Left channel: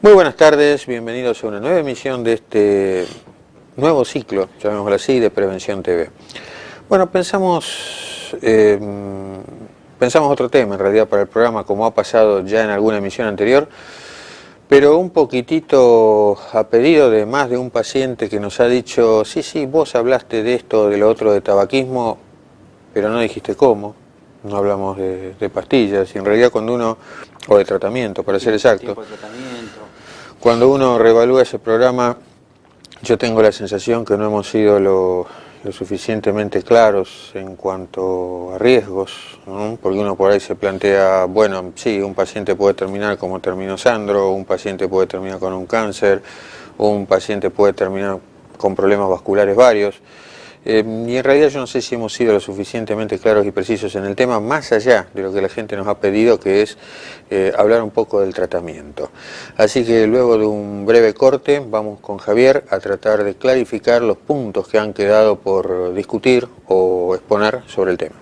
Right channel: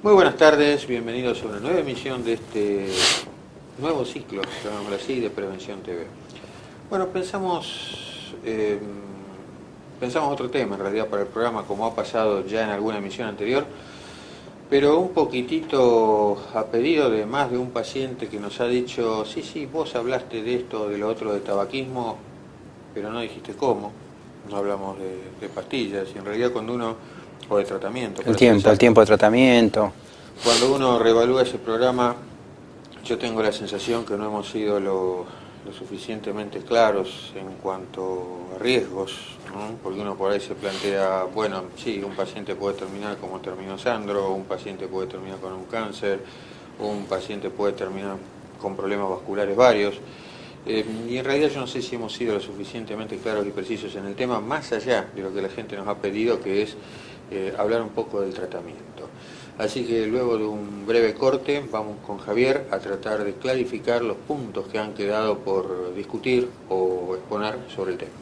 Muy buenas tardes, bienvenidos a una nueva emisión de este nuevo ciclo, llamémoslo así, de Prevención TV. Bueno, pensamos otro tema en realidad para el programa, como ha pasado ya en alguna emisión anterior, pero un poquitito a pedido de más de un paciente que nos ha dicho, sí, vos hablaste de esto, de lo otro, de tabaquismo, pero no dijiste cómo. No hablamos de pastillas, y en realidad cuando uno, o de tratamiento, para ser exacto, el tiempo de tratamiento. Cuando uno reevalúa ese programa, yo tengo la sensación que no hemos sido lo suficientemente claros en cuanto a riesgos, ¿no? Porque uno por ahí se plantea, bueno, sí, un paciente puede terminar como terminó Sandro, un paciente puede terminar con un cáncer, o un paciente puede terminar con problemas vasculares varios. Y en realidad yo no sé si hemos sido lo suficientemente claros y precisos en el tema, más allá de lo que la gente nos ha pedido, que es hablar un poco del tratamiento. Así que luego de un breve corte vamos con Javier a tratar de clarificar los puntos que han quedado por discutir o exponer sobre el tema.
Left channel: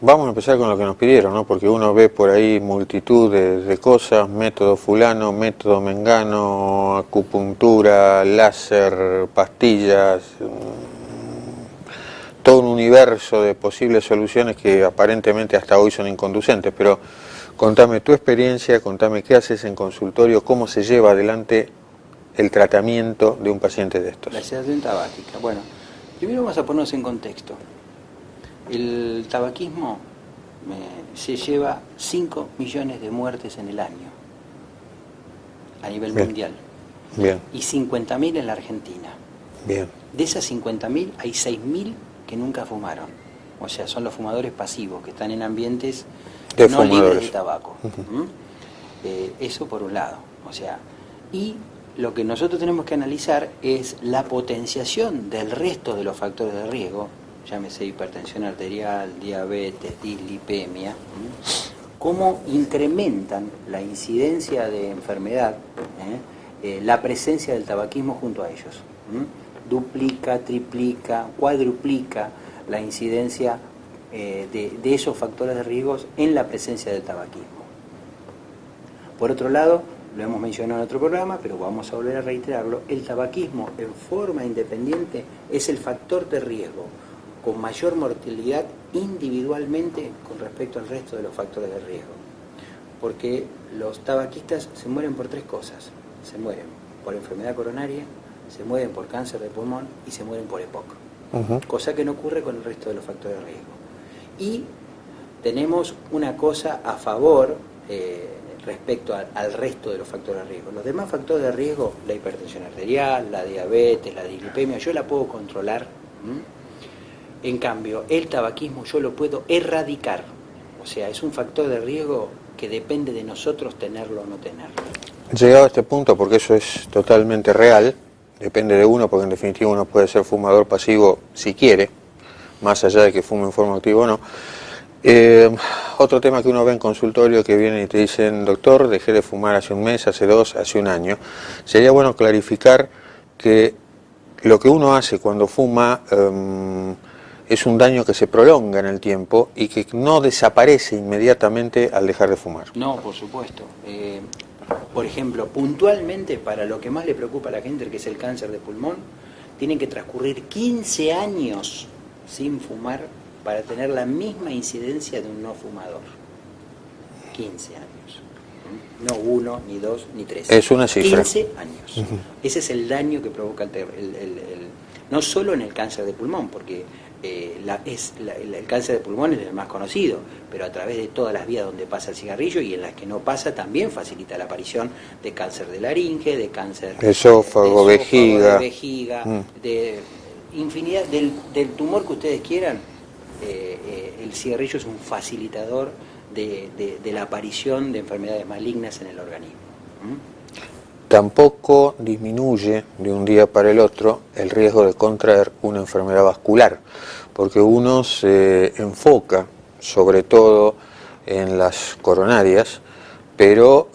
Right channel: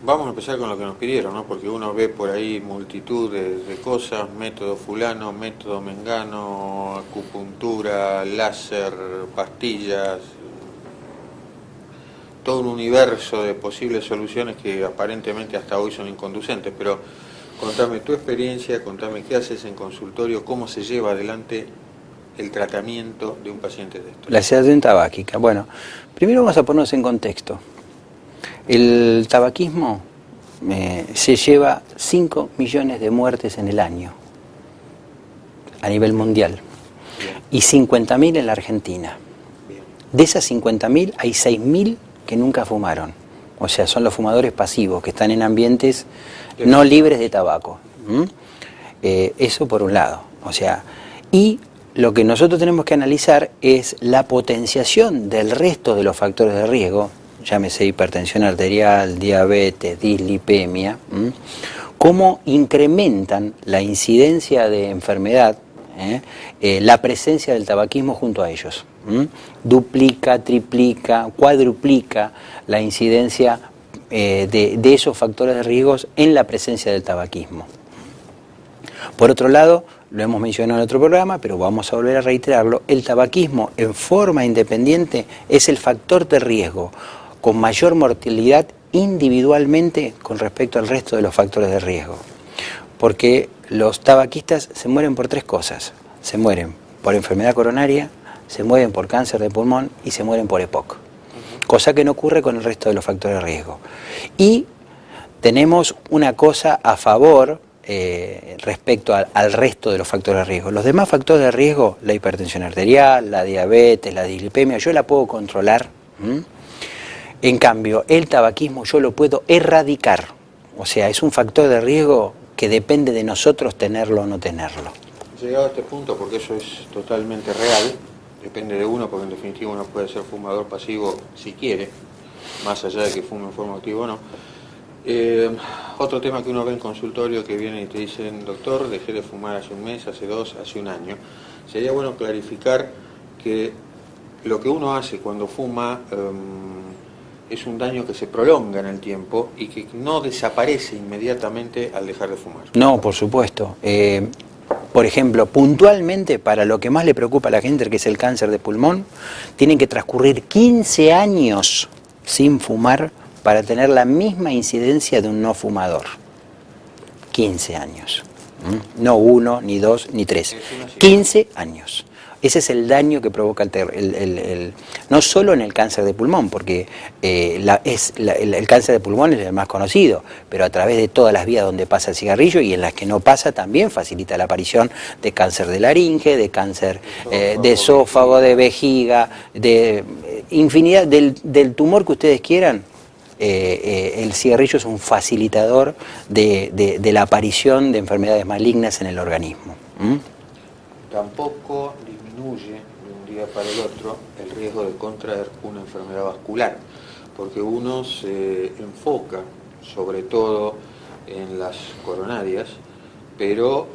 Vamos a empezar con lo que nos pidieron, ¿no? Porque uno ve por ahí multitud de cosas, método fulano, método mengano, acupuntura, láser, pastillas, todo un universo de posibles soluciones que aparentemente hasta hoy son inconducentes. Pero contame tu experiencia, contame qué haces en consultorio, cómo se lleva adelante el tratamiento de un paciente de estos. La sedación tabáquica. Bueno, primero vamos a ponernos en contexto. El tabaquismo se lleva 5 millones de muertes en el año a nivel mundial. Bien. Y 50.000 en la Argentina. Bien. De esas 50.000 hay 6.000 que nunca fumaron. O sea, son los fumadores pasivos que están en ambientes no libres de tabaco. Eso por un lado. O sea, y lo que nosotros tenemos que analizar es la potenciación del resto de los factores de riesgo, llámese hipertensión arterial, diabetes, dislipemia, cómo incrementan la incidencia de enfermedad la presencia del tabaquismo junto a ellos. Duplica, triplica, cuadruplica la incidencia de esos factores de riesgos en la presencia del tabaquismo. Por otro lado, lo hemos mencionado en otro programa, pero vamos a volver a reiterarlo, el tabaquismo en forma independiente es el factor de riesgo con mayor mortalidad individualmente con respecto al resto de los factores de riesgo. Porque los tabaquistas se mueren por 3 cosas. Se mueren por enfermedad coronaria, se mueren por cáncer de pulmón y se mueren por EPOC. Cosa que no ocurre con el resto de los factores de riesgo. Y tenemos una cosa a favor respecto al resto de los factores de riesgo. Los demás factores de riesgo, la hipertensión arterial, la diabetes, la dislipemia, yo la puedo controlar. En cambio, el tabaquismo yo lo puedo erradicar. O sea, es un factor de riesgo que depende de nosotros tenerlo o no tenerlo. Llegado a este punto, porque eso es totalmente real, depende de uno, porque en definitiva uno puede ser fumador pasivo si quiere, más allá de que fume en forma activa o no. Otro tema que uno ve en consultorio, que vienen y te dicen: doctor, dejé de fumar hace un mes, hace 2, hace un año. Sería bueno clarificar que lo que uno hace cuando fuma es un daño que se prolonga en el tiempo y que no desaparece inmediatamente al dejar de fumar. No, por supuesto. Por ejemplo, puntualmente para lo que más le preocupa a la gente, que es el cáncer de pulmón, tienen que transcurrir 15 años sin fumar para tener la misma incidencia de un no fumador. 15 años. No 1, ni 2, ni 3. Es una cifra. 15 años. Ese es el daño que provoca no solo en el cáncer de pulmón, porque el cáncer de pulmón es el más conocido, pero a través de todas las vías donde pasa el cigarrillo y en las que no pasa también facilita la aparición de cáncer de laringe, de cáncer de esófago, de vejiga, de infinidad, del tumor que ustedes quieran. El cigarrillo es un facilitador de la aparición de enfermedades malignas en el organismo. Tampoco disminuye de un día para el otro el riesgo de contraer una enfermedad vascular, porque uno se enfoca sobre todo en las coronarias, pero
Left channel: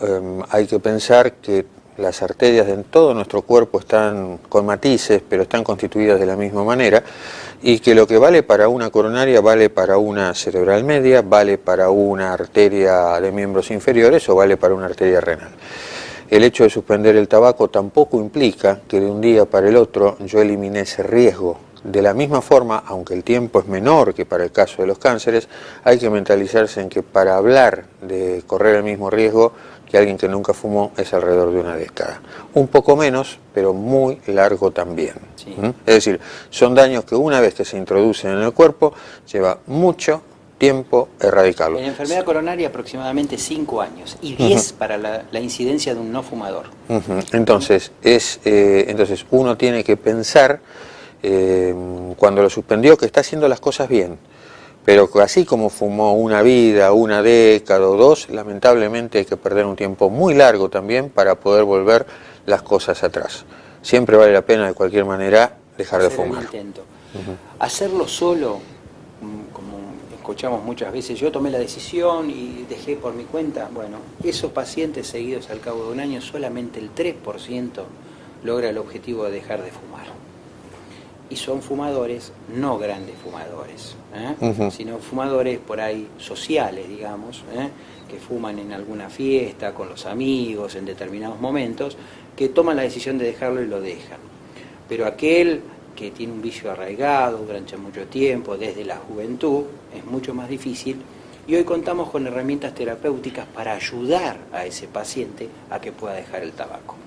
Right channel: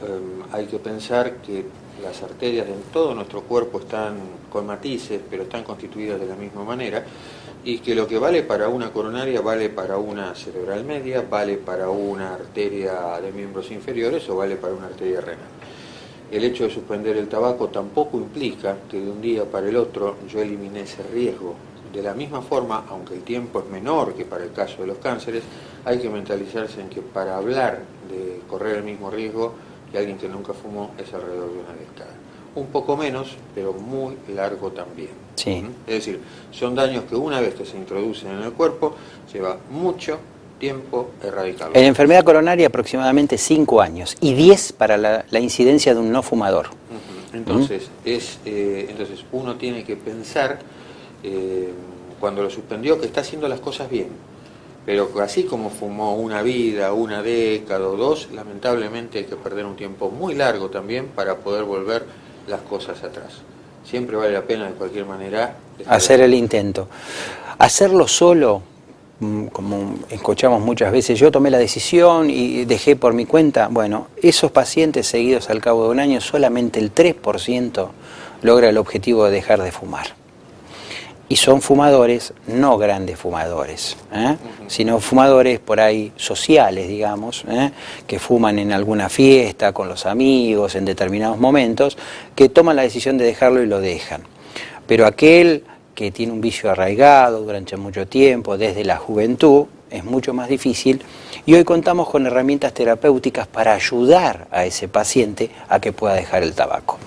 hay que pensar que las arterias en todo nuestro cuerpo están con matices, pero están constituidas de la misma manera, y que lo que vale para una coronaria vale para una cerebral media, vale para una arteria de miembros inferiores o vale para una arteria renal. El hecho de suspender el tabaco tampoco implica que de un día para el otro yo elimine ese riesgo. De la misma forma, aunque el tiempo es menor que para el caso de los cánceres, hay que mentalizarse en que para hablar de correr el mismo riesgo que alguien que nunca fumó es alrededor de una década. Un poco menos, pero muy largo también. Sí. Es decir, son daños que una vez que se introducen en el cuerpo, lleva mucho tiempo erradicarlos. En enfermedad coronaria aproximadamente 5 años y 10 para la incidencia de un no fumador. Entonces, entonces uno tiene que pensar, cuando lo suspendió, que está haciendo las cosas bien. Pero así como fumó una vida, una década o 2, lamentablemente hay que perder un tiempo muy largo también para poder volver las cosas atrás. Siempre vale la pena, de cualquier manera, dejar hacer de el fumar. intento. Hacerlo solo, como escuchamos muchas veces, yo tomé la decisión y dejé por mi cuenta. Bueno, esos pacientes seguidos al cabo de un año, solamente el 3% logra el objetivo de dejar de fumar. Y son fumadores, no grandes fumadores, sino fumadores por ahí sociales, digamos, que fuman en alguna fiesta, con los amigos, en determinados momentos, que toman la decisión de dejarlo y lo dejan. Pero aquel que tiene un vicio arraigado durante mucho tiempo, desde la juventud, es mucho más difícil. Y hoy contamos con herramientas terapéuticas para ayudar a ese paciente a que pueda dejar el tabaco.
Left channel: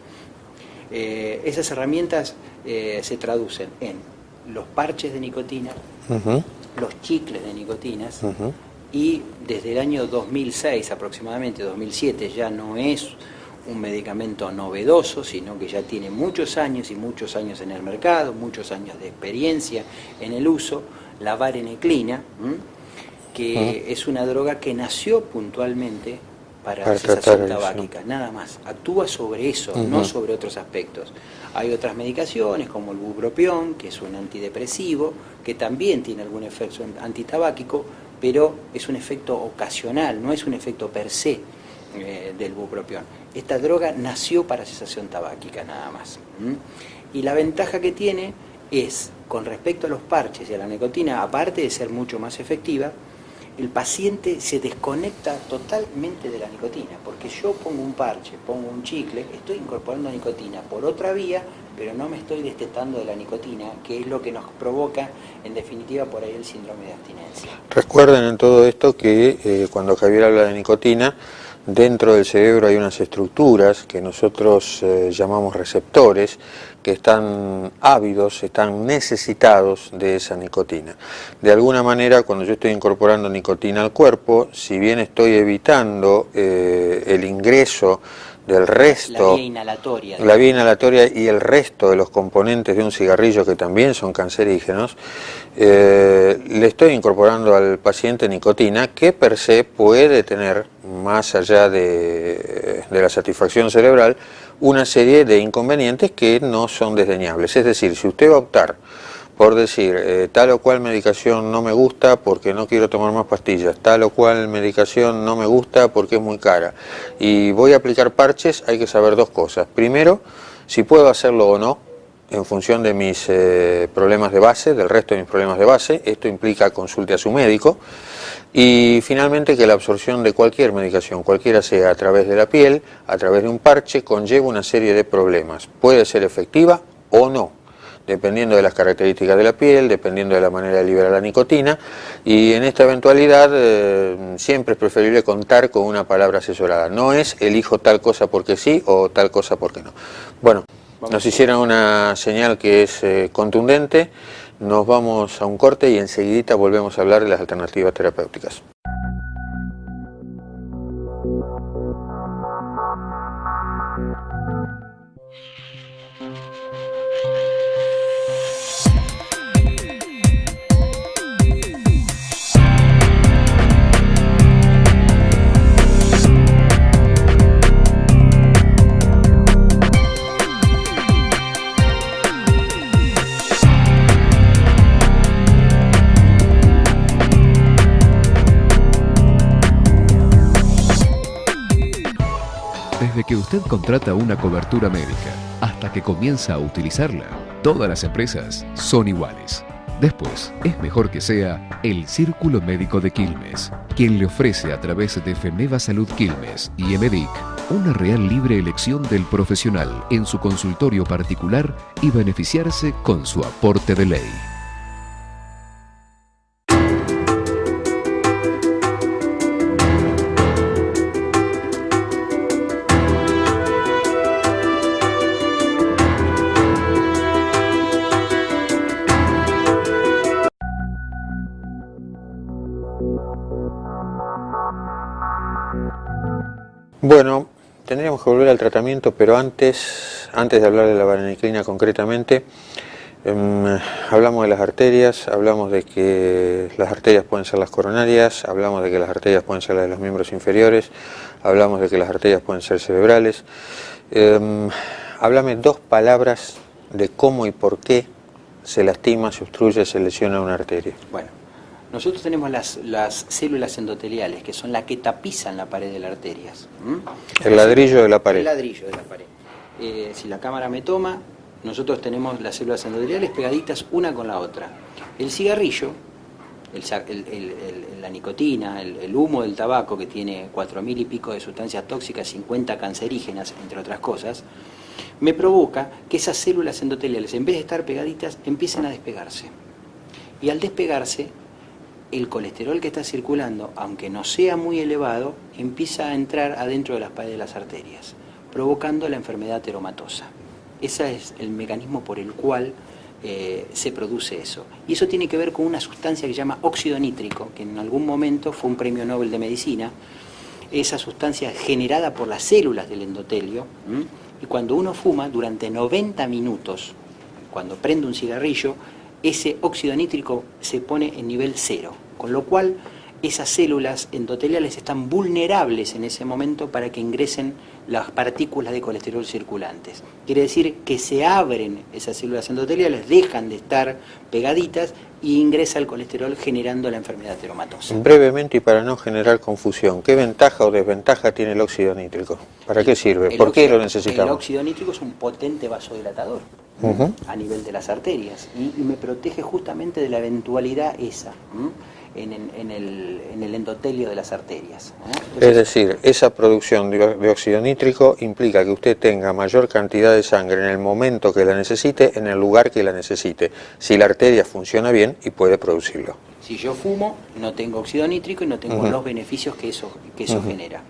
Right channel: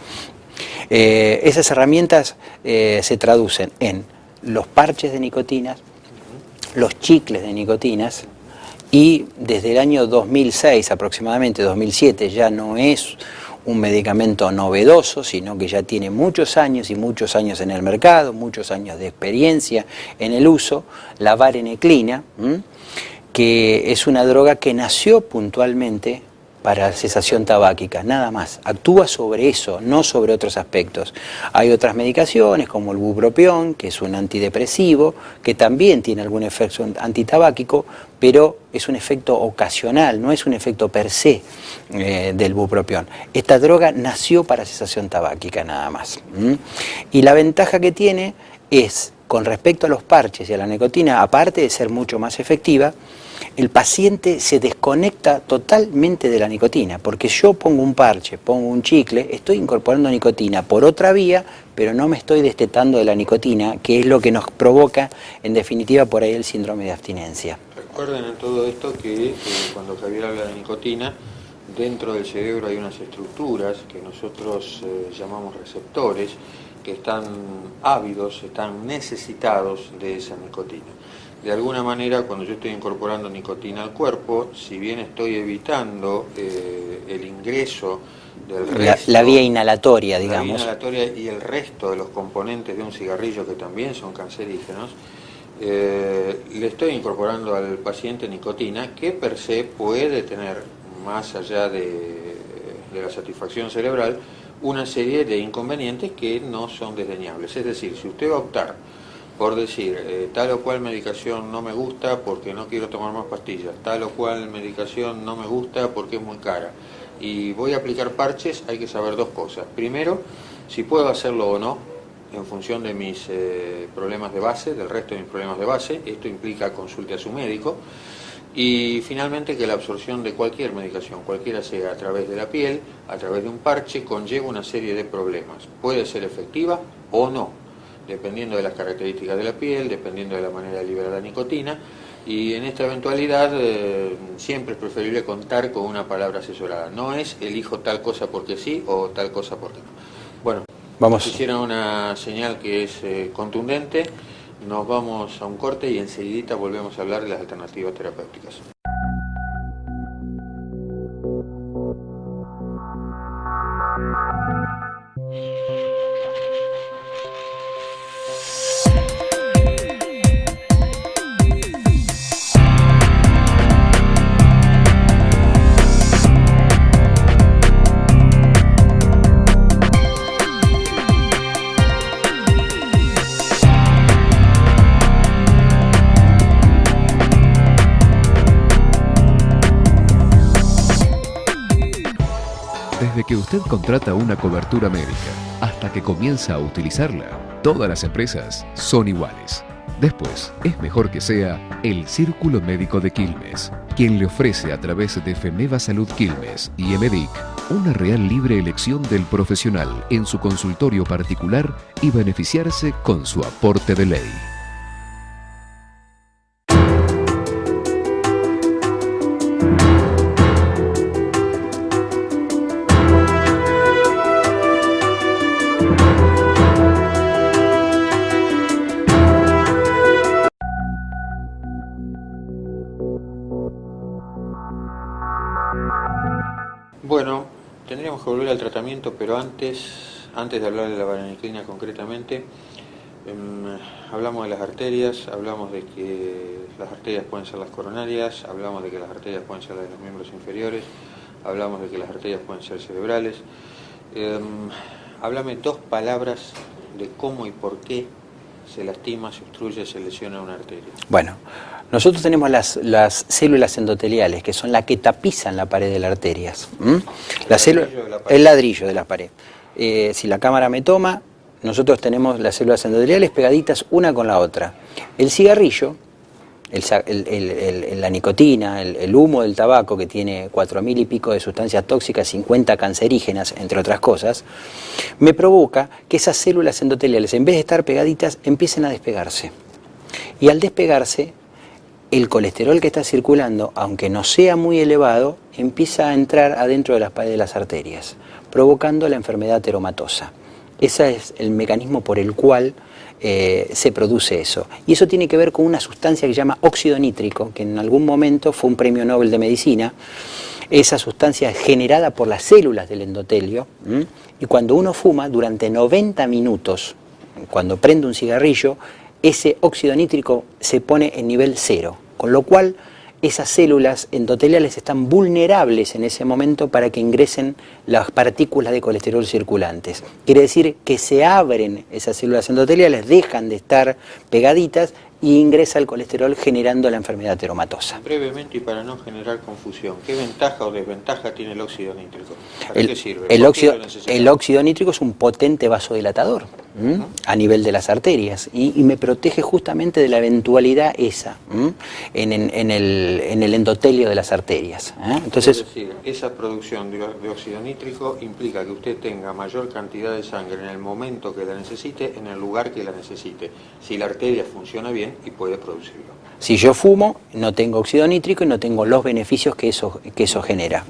Esas herramientas se traducen en los parches de nicotina, los chicles de nicotinas, y desde el año 2006, aproximadamente 2007, ya no es un medicamento novedoso, sino que ya tiene muchos años y muchos años en el mercado, muchos años de experiencia en el uso, la vareniclina, que es una droga que nació puntualmente para cesación tabáquica, nada más. Actúa sobre eso, no sobre otros aspectos. Hay otras medicaciones como el bupropión, que es un antidepresivo, que también tiene algún efecto antitabáquico, pero es un efecto ocasional, no es un efecto per se del bupropión. Esta droga nació para cesación tabáquica nada más. Y la ventaja que tiene es, con respecto a los parches y a la nicotina, aparte de ser mucho más efectiva, el paciente se desconecta totalmente de la nicotina, porque yo pongo un parche, pongo un chicle, estoy incorporando nicotina por otra vía, pero no me estoy destetando de la nicotina, que es lo que nos provoca, en definitiva, por ahí el síndrome de abstinencia. Recuerden en todo esto que cuando Javier habla de nicotina, dentro del cerebro hay unas estructuras que nosotros llamamos receptores, que están ávidos, están necesitados de esa nicotina. De alguna manera, cuando yo estoy incorporando nicotina al cuerpo, si bien estoy evitando el ingreso del resto... La vía inhalatoria, digamos. La vía inhalatoria y el resto de los componentes de un cigarrillo, que también son cancerígenos, le estoy incorporando al paciente nicotina, que per se puede tener, más allá de la satisfacción cerebral, una serie de inconvenientes que no son desdeñables. Es decir, si usted va a optar por decir tal o cual medicación no me gusta porque no quiero tomar más pastillas, tal o cual medicación no me gusta porque es muy cara, y voy a aplicar parches, hay que saber dos cosas. Primero, si puedo hacerlo o no, en función de mis problemas de base, del resto de mis problemas de base. Esto implica consulte a su médico. Y finalmente, que la absorción de cualquier medicación, cualquiera sea, a través de la piel, a través de un parche, conlleva una serie de problemas. Puede ser efectiva o no, dependiendo de las características de la piel, dependiendo de la manera de liberar la nicotina, y en esta eventualidad siempre es preferible contar con una palabra asesorada. No es elijo tal cosa porque sí o tal cosa porque no. Bueno, nos hicieron una señal que es contundente. Nos vamos a un corte y enseguidita volvemos a hablar de las alternativas terapéuticas. Desde que usted contrata una cobertura médica hasta que comienza a utilizarla, todas las empresas son iguales. Después, es mejor que sea el Círculo Médico de Quilmes, quien le ofrece a través de FEMEVA Salud Quilmes y EMEDIC una real libre elección del profesional en su consultorio particular y beneficiarse con su aporte de ley. Bueno, tendríamos que volver al tratamiento, pero antes de hablar de la vareniclina concretamente, hablamos de las arterias, hablamos de que las arterias pueden ser las coronarias, hablamos de que las arterias pueden ser las de los miembros inferiores, hablamos de que las arterias pueden ser cerebrales. Háblame dos palabras de cómo y por qué se lastima, se obstruye, se lesiona una arteria. Bueno, nosotros tenemos las células endoteliales, que son las que tapizan la pared de las arterias. El ladrillo de la pared. El ladrillo de la pared. Si la cámara me toma, nosotros tenemos las células endoteliales pegaditas una con la otra. El cigarrillo, la nicotina, el humo del tabaco, que tiene 4.000 y pico de sustancias tóxicas, 50 cancerígenas, entre otras cosas, me provoca que esas células endoteliales, en vez de estar pegaditas, empiecen a despegarse. Y al despegarse, el colesterol que está circulando, aunque no sea muy elevado, empieza a entrar adentro de las paredes de las arterias, provocando la enfermedad ateromatosa. Ese es el mecanismo por el cual se produce eso. Y eso tiene que ver con una sustancia que se llama óxido nítrico, que en algún momento fue un premio Nobel de Medicina. Esa sustancia es generada por las células del endotelio, y cuando uno fuma, durante 90 minutos, cuando prende un cigarrillo, ese óxido nítrico se pone en nivel 0, con lo cual esas células endoteliales están vulnerables en ese momento para que ingresen las partículas de colesterol circulantes. Quiere decir que se abren esas células endoteliales, dejan de estar pegaditas y ingresa el colesterol generando la enfermedad ateromatosa. Brevemente y para no generar confusión, ¿qué ventaja o desventaja tiene el óxido nítrico? ¿Para qué sirve? ¿Por qué lo necesitamos? El óxido nítrico es un potente vasodilatador a nivel de las arterias y me protege justamente de la eventualidad esa en el endotelio de las arterias. Entonces, es decir, esa producción de óxido nítrico implica que usted tenga mayor cantidad de sangre en el momento que la necesite, en el lugar que la necesite, si la arteria funciona bien y puede producirlo. Si yo fumo, no tengo óxido nítrico y no tengo los beneficios que eso genera.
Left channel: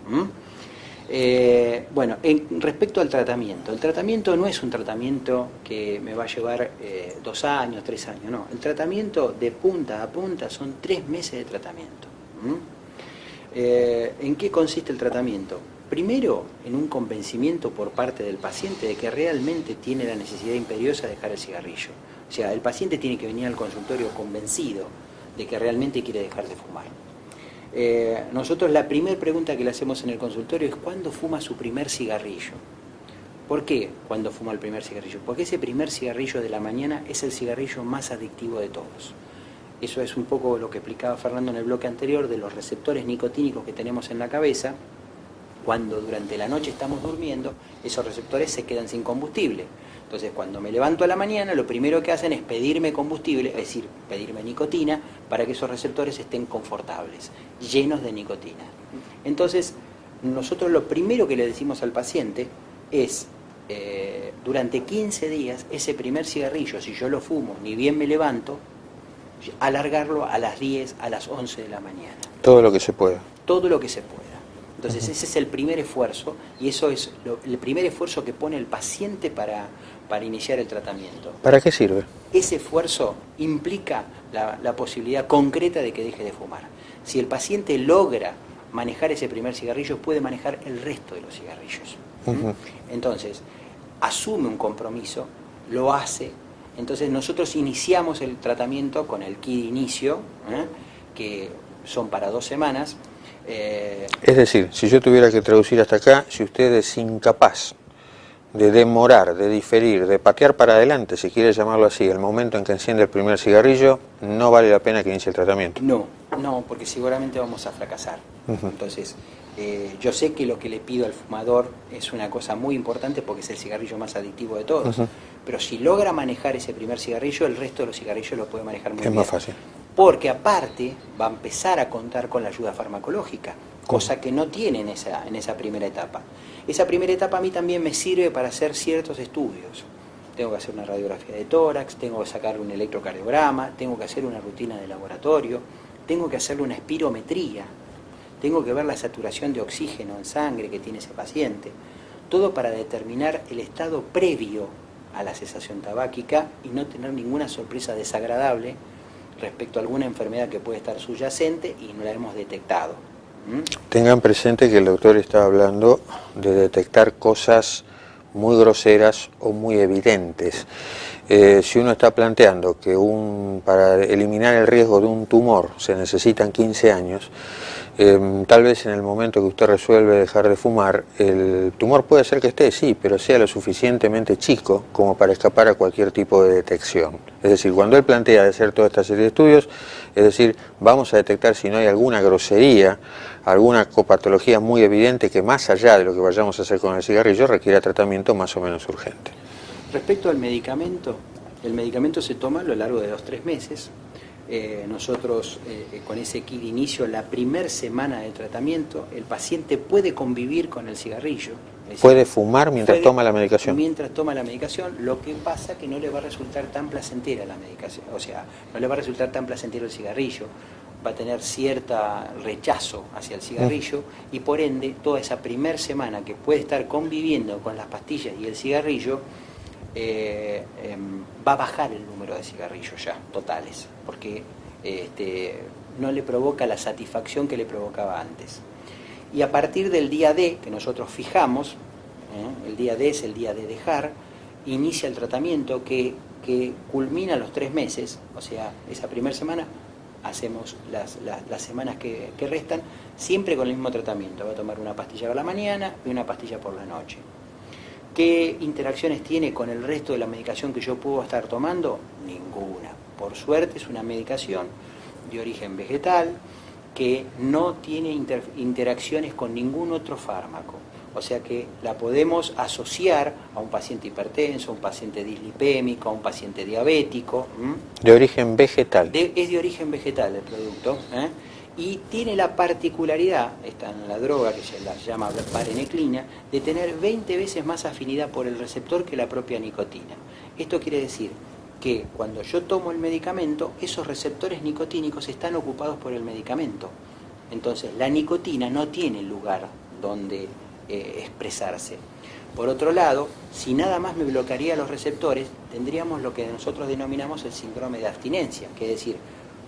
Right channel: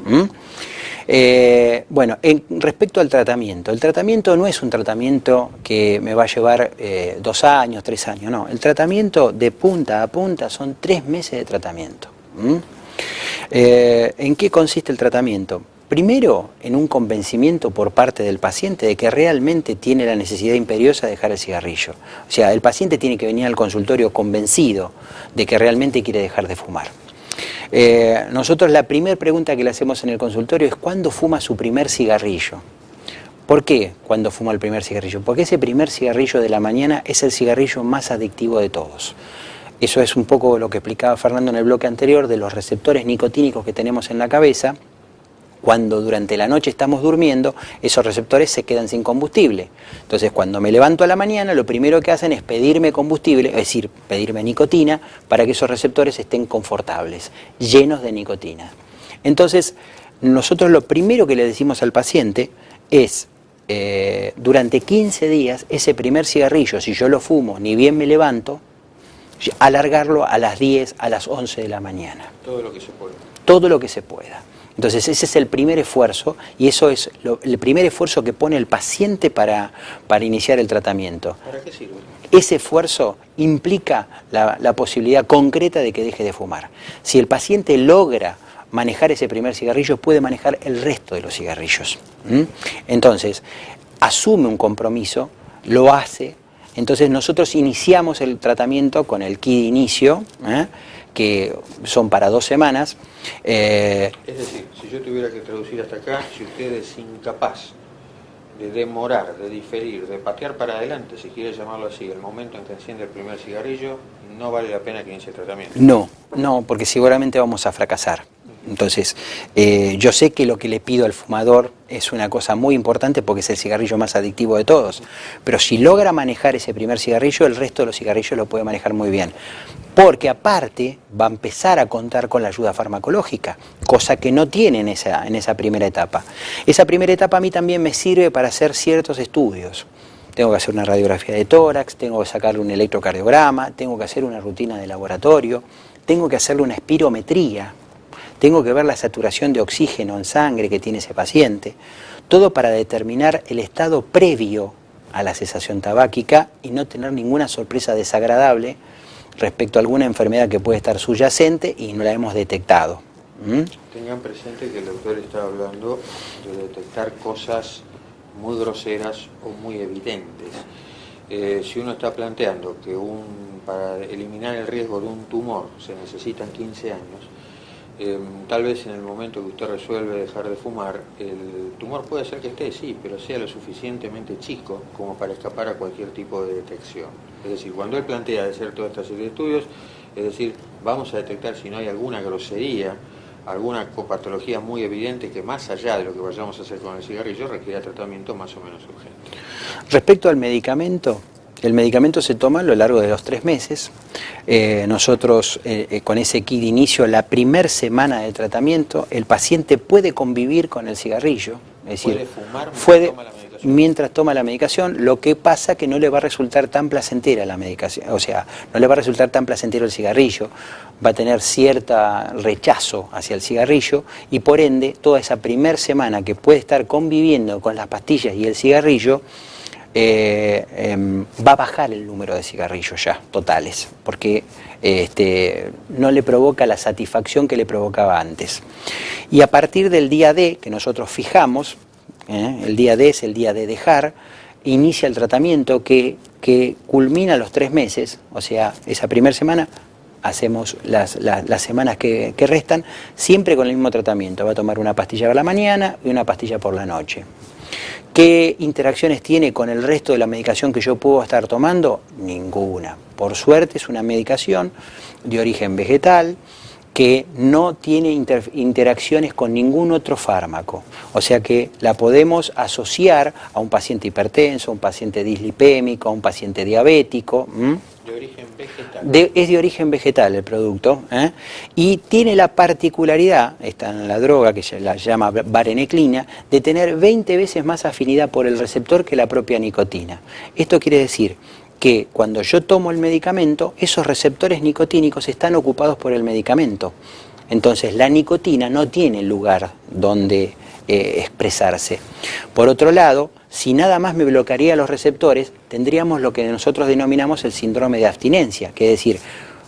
Bueno, respecto al tratamiento, el tratamiento no es un tratamiento que me va a llevar 2 años, 3 años, no. El tratamiento de punta a punta son 3 meses de tratamiento. ¿En qué consiste el tratamiento? Primero, en un convencimiento por parte del paciente de que realmente tiene la necesidad imperiosa de dejar el cigarrillo. O sea, el paciente tiene que venir al consultorio convencido de que realmente quiere dejar de fumar. Nosotros la primera pregunta que le hacemos en el consultorio es ¿cuándo fuma su primer cigarrillo? ¿Por qué cuando fuma el primer cigarrillo? Porque ese primer cigarrillo de la mañana es el cigarrillo más adictivo de todos. Eso es un poco lo que explicaba Fernando en el bloque anterior de los receptores nicotínicos que tenemos en la cabeza. Cuando durante la noche estamos durmiendo, esos receptores se quedan sin combustible. Entonces, cuando me levanto a la mañana, lo primero que hacen es pedirme combustible, es decir, pedirme nicotina, para que esos receptores estén confortables, llenos de nicotina. Entonces, nosotros lo primero que le decimos al paciente es, durante 15 días, ese primer cigarrillo, si yo lo fumo, ni bien me levanto, alargarlo a las 10, a las 11 de la mañana. Todo lo que se pueda. Todo lo que se pueda. Entonces ese es el primer esfuerzo y eso es el primer esfuerzo que pone el paciente para iniciar el tratamiento. ¿Para qué sirve? Ese esfuerzo implica la posibilidad concreta de que deje de fumar. Si el paciente logra manejar ese primer cigarrillo, puede manejar el resto de los cigarrillos. Entonces, asume un compromiso, lo hace. Entonces nosotros iniciamos el tratamiento con el kit de inicio, que son para 2 semanas. Es decir, si yo tuviera que traducir hasta acá, si usted es incapaz de demorar, de diferir, de patear para adelante, si quiere llamarlo así, el momento en que enciende el primer cigarrillo, no vale la pena que inicie el tratamiento. No, porque seguramente vamos a fracasar. Entonces, yo sé que lo que le pido al fumador es una cosa muy importante porque es el cigarrillo más adictivo de todos, pero si logra manejar ese primer cigarrillo, el resto de los cigarrillos lo puede manejar muy bien. Porque aparte va a empezar a contar con la ayuda farmacológica, cosa que no tiene en esa primera etapa. Esa primera etapa a mí también me sirve para hacer ciertos estudios. Tengo que hacer una radiografía de tórax, tengo que sacarle un electrocardiograma, tengo que hacer una rutina de laboratorio, tengo que hacerle una espirometría, tengo que ver la saturación de oxígeno en sangre que tiene ese paciente, todo para determinar el estado previo a la cesación tabáquica y no tener ninguna sorpresa desagradable respecto a alguna enfermedad que puede estar subyacente y no la hemos detectado. Tengan presente que el doctor está hablando de detectar cosas muy groseras o muy evidentes. Si uno está planteando que para eliminar el riesgo de un tumor se necesitan 15 años, tal vez en el momento que usted resuelve dejar de fumar, el tumor puede ser que esté, sí, pero sea lo suficientemente chico como para escapar a cualquier tipo de detección. Es decir, cuando él plantea de hacer toda esta serie de estudios, es decir, vamos a detectar si no hay alguna grosería, alguna copatología muy evidente que más allá de lo que vayamos a hacer con el cigarrillo requiera tratamiento más o menos urgente. Respecto al medicamento, el medicamento se toma a lo largo de los 3 meses. Nosotros con ese kit de inicio, la primera semana de tratamiento, el paciente puede convivir con el cigarrillo. Es decir, ¿puede fumar mientras toma la medicación? Mientras toma la medicación, lo que pasa que no le va a resultar tan placentera la medicación, o sea, no le va a resultar tan placentero el cigarrillo, va a tener cierto rechazo hacia el cigarrillo y por ende toda esa primera semana que puede estar conviviendo con las pastillas y el cigarrillo, va a bajar el número de cigarrillos ya totales, porque no le provoca la satisfacción que le provocaba antes. Y a partir del día D, que nosotros fijamos, el día D es el día de dejar, inicia el tratamiento que culmina los 3 meses, o sea, esa primera semana, hacemos las semanas que restan, siempre con el mismo tratamiento. Va a tomar una pastilla por la mañana y una pastilla por la noche. ¿Qué interacciones tiene con el resto de la medicación que yo puedo estar tomando? Ninguna. Por suerte es una medicación de origen vegetal que no tiene interacciones con ningún otro fármaco. O sea que la podemos asociar a un paciente hipertenso, a un paciente dislipémico, a un paciente diabético. De origen vegetal. Es de origen vegetal el producto, y tiene la particularidad, está en la droga que se la llama vareniclina, de tener 20 veces más afinidad por el receptor que la propia nicotina. Esto quiere decir que cuando yo tomo el medicamento, esos receptores nicotínicos están ocupados por el medicamento. Entonces la nicotina no tiene lugar donde expresarse. Por otro lado, si nada más me bloquearía los receptores, tendríamos lo que nosotros denominamos el síndrome de abstinencia, que es decir,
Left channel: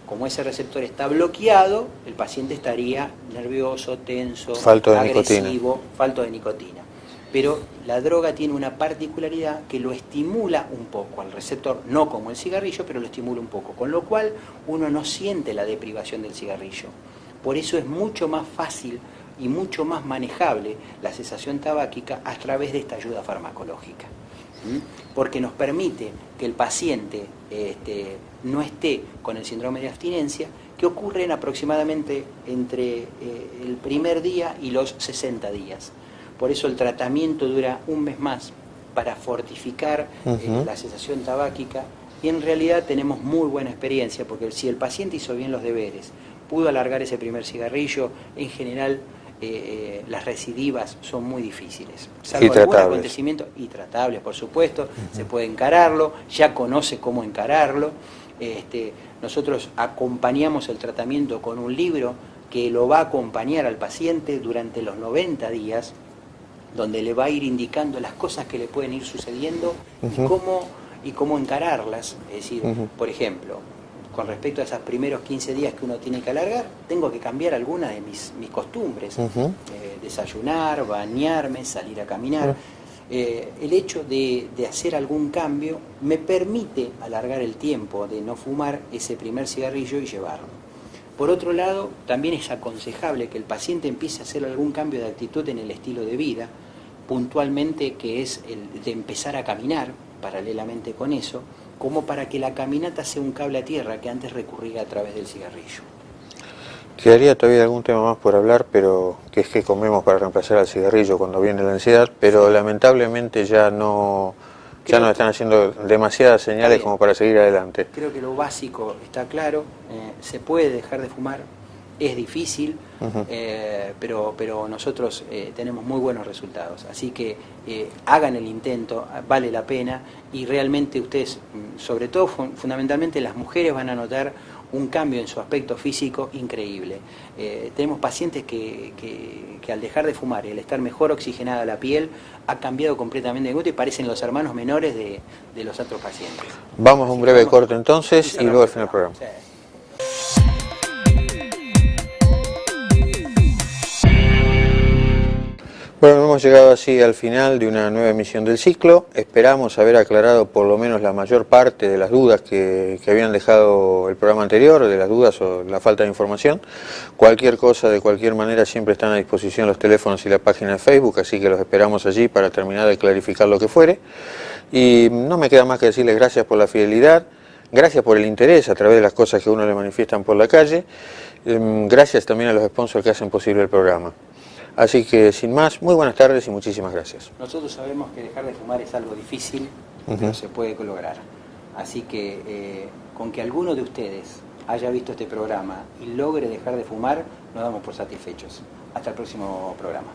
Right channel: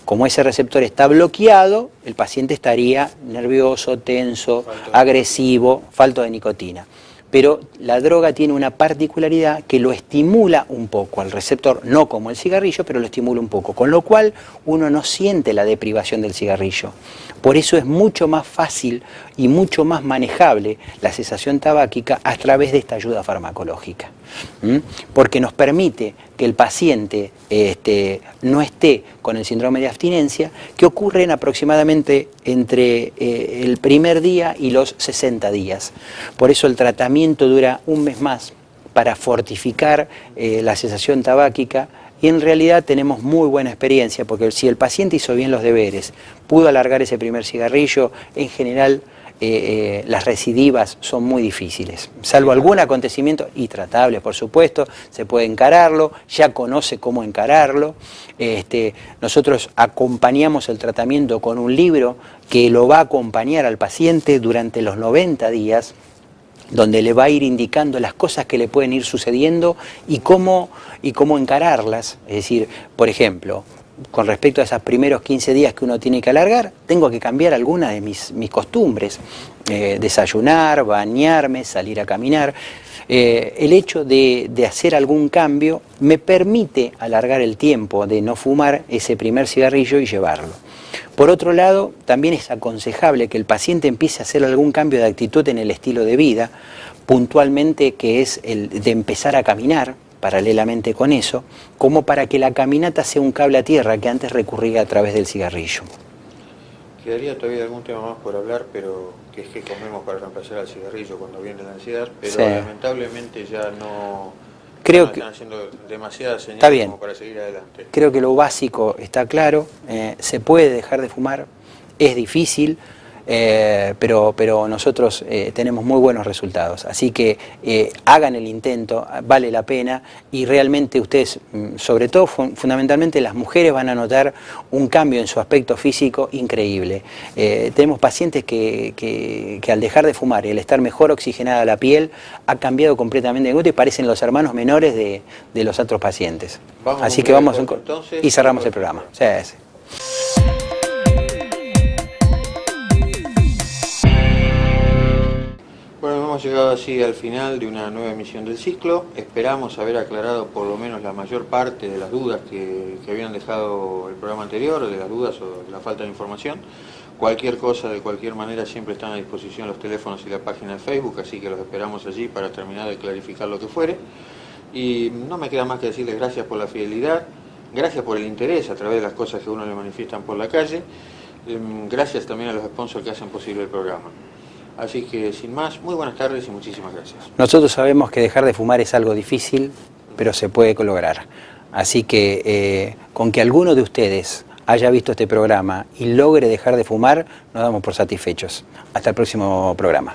como ese receptor está bloqueado, el paciente estaría nervioso, tenso, agresivo, falto de nicotina. Pero la droga tiene una particularidad que lo estimula un poco al receptor, no como el cigarrillo, pero lo estimula un poco, con lo cual uno no siente la deprivación del cigarrillo. Por eso es mucho más fácil y mucho más manejable la cesación tabáquica a través de esta ayuda farmacológica. Porque nos permite que el paciente no esté con el síndrome de abstinencia, que ocurre en aproximadamente entre el primer día y los 60 días. Por eso el tratamiento dura un mes más para fortificar la cesación tabáquica. Y en realidad tenemos muy buena experiencia, porque si el paciente hizo bien los deberes, pudo alargar ese primer cigarrillo, en general las recidivas son muy difíciles, salvo algún acontecimiento, y tratables por supuesto, se puede encararlo, ya conoce cómo encararlo. Nosotros acompañamos el tratamiento con un libro que lo va a acompañar al paciente durante los 90 días, donde le va a ir indicando las cosas que le pueden ir sucediendo y cómo encararlas. Es decir, por ejemplo, con respecto a esos primeros 15 días que uno tiene que alargar, tengo que cambiar algunas de mis costumbres. Desayunar, bañarme, salir a caminar. El hecho de hacer algún cambio me permite alargar el tiempo de no fumar ese primer cigarrillo y llevarlo. Por otro lado, también es aconsejable que el paciente empiece a hacer algún cambio de actitud en el estilo de vida, puntualmente que es el de empezar a caminar, paralelamente con eso, como para que la caminata sea un cable a tierra que antes recurría a través del cigarrillo. Quedaría todavía algún tema más por hablar, pero que es que comemos para reemplazar al cigarrillo cuando viene la ansiedad, pero sí, lamentablemente ya no están haciendo demasiadas señales como para seguir adelante. Creo que lo básico está claro, se puede dejar de fumar, es difícil, pero nosotros tenemos muy buenos resultados. Así que hagan el intento, vale la pena, y realmente ustedes, sobre todo fundamentalmente las mujeres, van a notar un cambio en su aspecto físico increíble. Tenemos pacientes que al dejar de fumar y al estar mejor oxigenada la piel, ha cambiado completamente de gusto y parecen los hermanos menores de los otros pacientes. Vamos a un breve corte entonces y cerramos el programa. Sí. Bueno, hemos llegado así al final de una nueva emisión del ciclo. Esperamos haber aclarado por lo menos la mayor parte de las dudas que habían dejado el programa anterior, de las dudas o la falta de información. Cualquier cosa, de cualquier manera, siempre están a disposición los teléfonos y la página de Facebook, así que los esperamos allí para terminar de clarificar lo que fuere. Y no me queda más que decirles gracias por la fidelidad, gracias por el interés a través de las cosas que uno le manifiestan por la calle. Gracias también a los sponsors que hacen posible el programa. Así que, sin más, muy buenas tardes y muchísimas gracias. Nosotros sabemos que dejar de fumar es algo difícil, pero se puede lograr. Así que, con que alguno de ustedes haya visto este programa y logre dejar de fumar, nos damos por satisfechos. Hasta el próximo programa.